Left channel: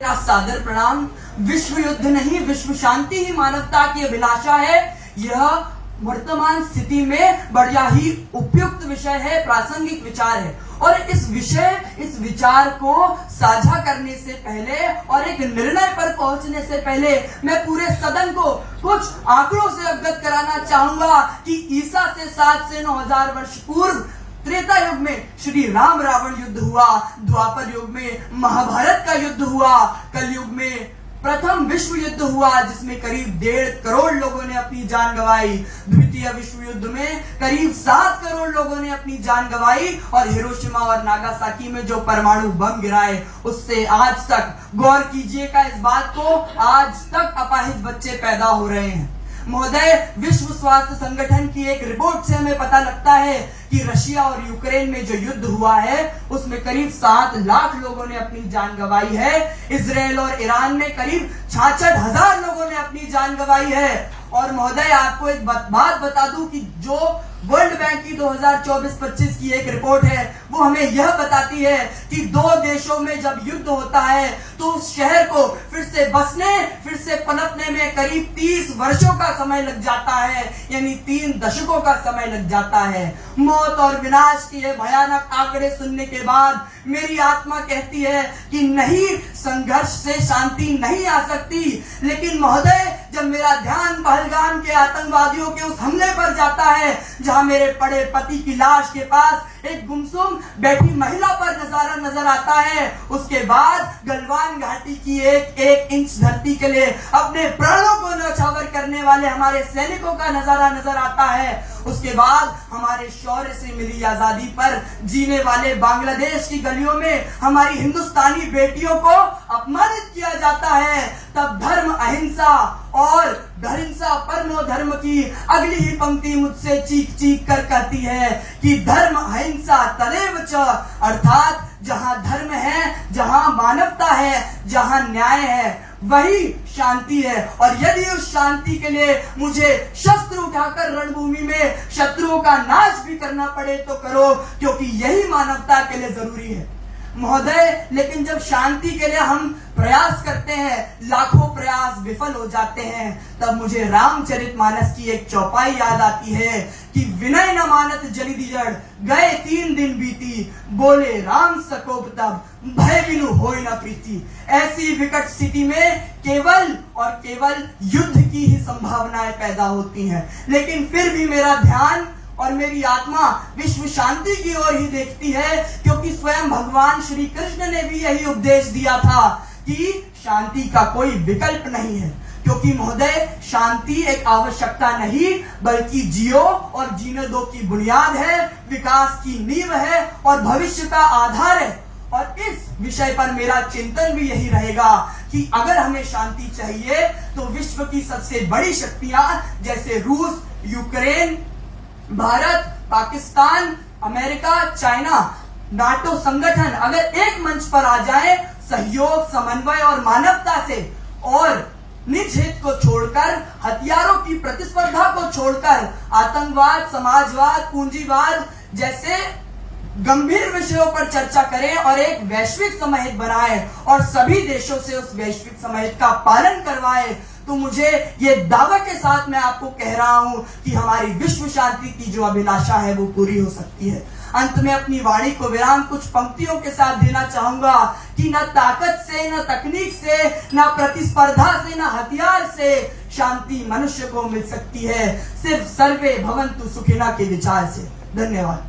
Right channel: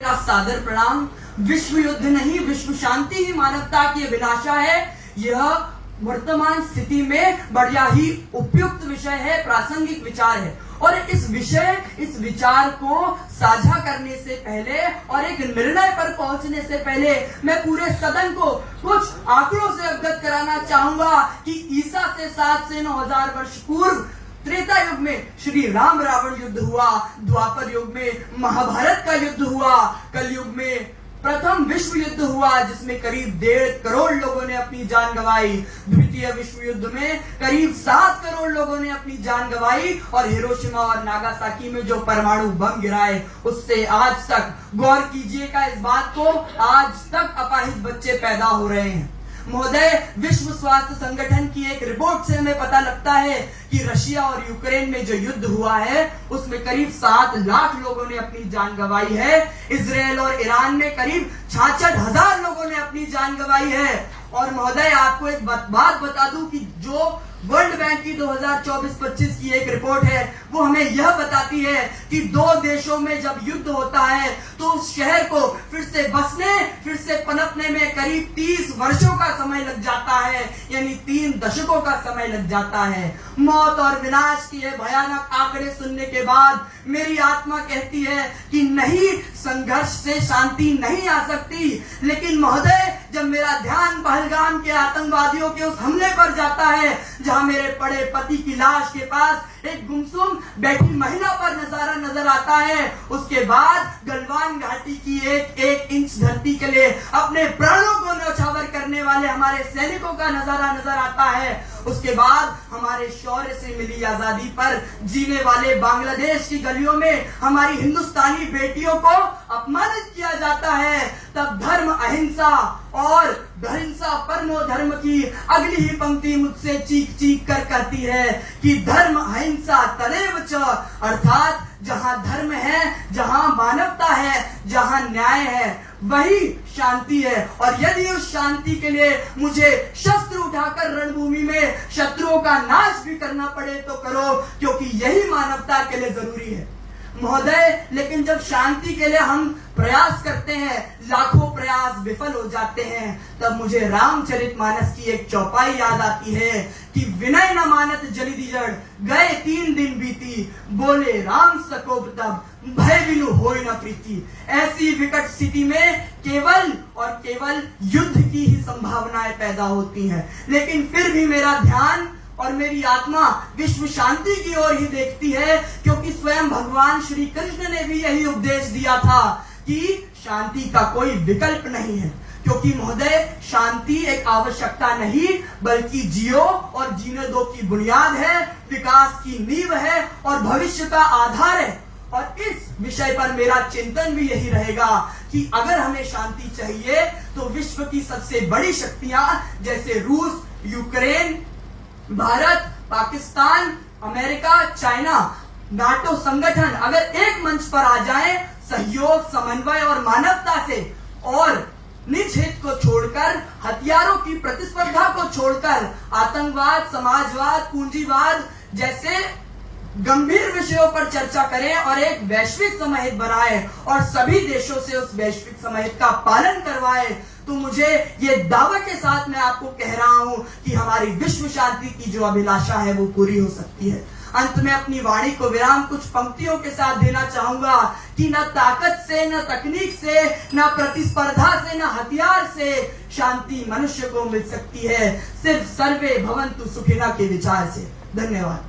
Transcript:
मेरा सादर प्रणाम। विश्व युद्ध नहीं, विश्व शांति ही मानवता की अभिलाषा है। यह वर्तमान स्थिति में बढ़िया ही उपयुक्त विषय है, प्रासंगिक विचार है। और इस विचार को साझा करने से पहले और एक निर्णय पर पहुंचने से पहले मैं पूरे सदन को कुछ आंकड़ों से अवगत कराना चाहूंगा कि ईसा से 7 से 9,000 वर्ष पूर्व त्रेता युग में श्री राम रावण युद्ध हुआ, द्वापर युग में महाभारत का युद्ध हुआ, कलयुग में प्रथम विश्व युद्ध हुआ जिसमें करीब 1.5 करोड़ लोगों ने अपनी जान गंवाई, द्वितीय विश्व युद्ध में करीब 7 करोड़ लोगों ने अपनी जान गंवाई और हिरोशिमा और नागासाकी में जो परमाणु बम गिराए उससे आज तक, गौर कीजिएगा इस बात को, आज तक अपाहिज बच्चे पैदा हो रहे हैं। महोदय, विश्व स्वास्थ्य संगठन की एक रिपोर्ट से हमें पता लगता है कि रशिया और यूक्रेन में जो युद्ध हुआ है उसमें करीब 7 लाख लोगों ने अपनी जान गंवाई है। इजराइल और ईरान में करीब 66,000 लोगों ने अपनी जान गंवाई है। और महोदय, आपको एक बात बता दूं कि जो वर्ल्ड बैंक की 2024-25 की एक रिपोर्ट है वो हमें यह बताती है कि 2 देशों में जब युद्ध होता है तो उस शहर को फिर से बसने, फिर से पनपने में करीब 30 वर्षों का समय लग जाता है, यानी 3 दशकों का समय लग जाता है। मौत और विनाश के भयानक आंकड़े सुनने के बाद मेरी आत्मा कहती है कि नहीं, संघर्ष से शांति नहीं आ सकती। लेकिन महोदय, जब मेरा ध्यान पहलगाम के आतंकवादियों के उस हमले पर जाता है जहां मेरे पड़े पति की लाश के पास एक गुमसुम बैठी महिला पर नजारा नजर आता है, उसके बाद गलवान घाटी की एक इंच धरती के लिए अपने प्राणों को न्यौछावर करने वाले हमारे सैनिकों का नजारा नजर आता है, उसके बाद हमारे शौर्य से मिली आजादी पर जीने वाले बांग्लादेश की गलियों में हमारी हिंदुस्तानी बेटियों को अपमानित किया जाता है, तब धर्म अहिंसा और अहिंसा परमो धर्म की अगली ही पंक्ति मुझसे चीख चीख कर कहती है कि धर्म अहिंसा तदेव च, अर्थात जहां धर्म है, जहां मानवता है, जहां न्याय है, वही शांति है। और यदि उस शांति के लिए मुझे शस्त्र उठाकर रणभूमि में शत्रुओं का नाश भी करना पड़े तो करो, क्योंकि यही मानवता के लिए जरूरी है। महोदय, लेकिन जब शांति के लिए हम प्रयास करते हैं, लाखों प्रयास विफल हो जाते हैं, तब मुझे रामचरितमानस की एक चौपाई याद आती है कि विनय न मानत जलि दिजड़, गए 3 दिन बीती, बोले राम सकोब तब, भय बिनु होई न प्रीति। ऐसी विकट स्थिति में केवल और केवल युद्ध की ही संभावनाएं पैदा होती हैं, लेकिन फिर भी मेरा ध्यान और मेरी आत्मा विश्व शांति की ओर ही देखती है, क्योंकि स्वयं भगवान श्री कृष्ण ने भी यही उपदेश दिया था कि शांति का कोई विकल्प नहीं है। क्योंकि महोदय, शांति एक आवश्यकता नहीं बल्कि जियो और जीने दो की बुनियाद है, विकास की नींव है और भविष्य का आधार है। और इस विषय पर मेरा चिंतन भी यही रहेगा कि अगर हमें शांति चाहिए तो विश्व की सबसे बड़ी शक्तियां जैसे रूस, Ukraine, Bharat, Pakistan, America, China, NATO संगठन अगर एक मंच पर आ जाए सहयोग, समन्वय और मानवता से, और निज हित को छोड़कर, हथियारों की प्रतिस्पर्धा को छोड़कर आतंकवाद, समाजवाद, पूंजीवाद जैसे गंभीर विषयों पर चर्चा करें और एक वैश्विक समहित बनाए और सभी देशों से उस वैश्विक समहित का पालन करवाए, तो मुझे ये दावा के साथ मैं आपको कह रहा हूं कि हमारी विश्व शांति की जो अभिलाषा है वो पूरी हो सकती है। अंत में अपनी वाणी को विराम कुछ पंक्तियों के साथ देना चाहूंगा कि न ताकत से, न तकनीक से, न प्रतिस्पर्धा से, न हथियार से शांति मनुष्य को मिल सकती है, सिर्फ सर्वे भवन्तु सुखिनः के विचार से। धन्यवाद।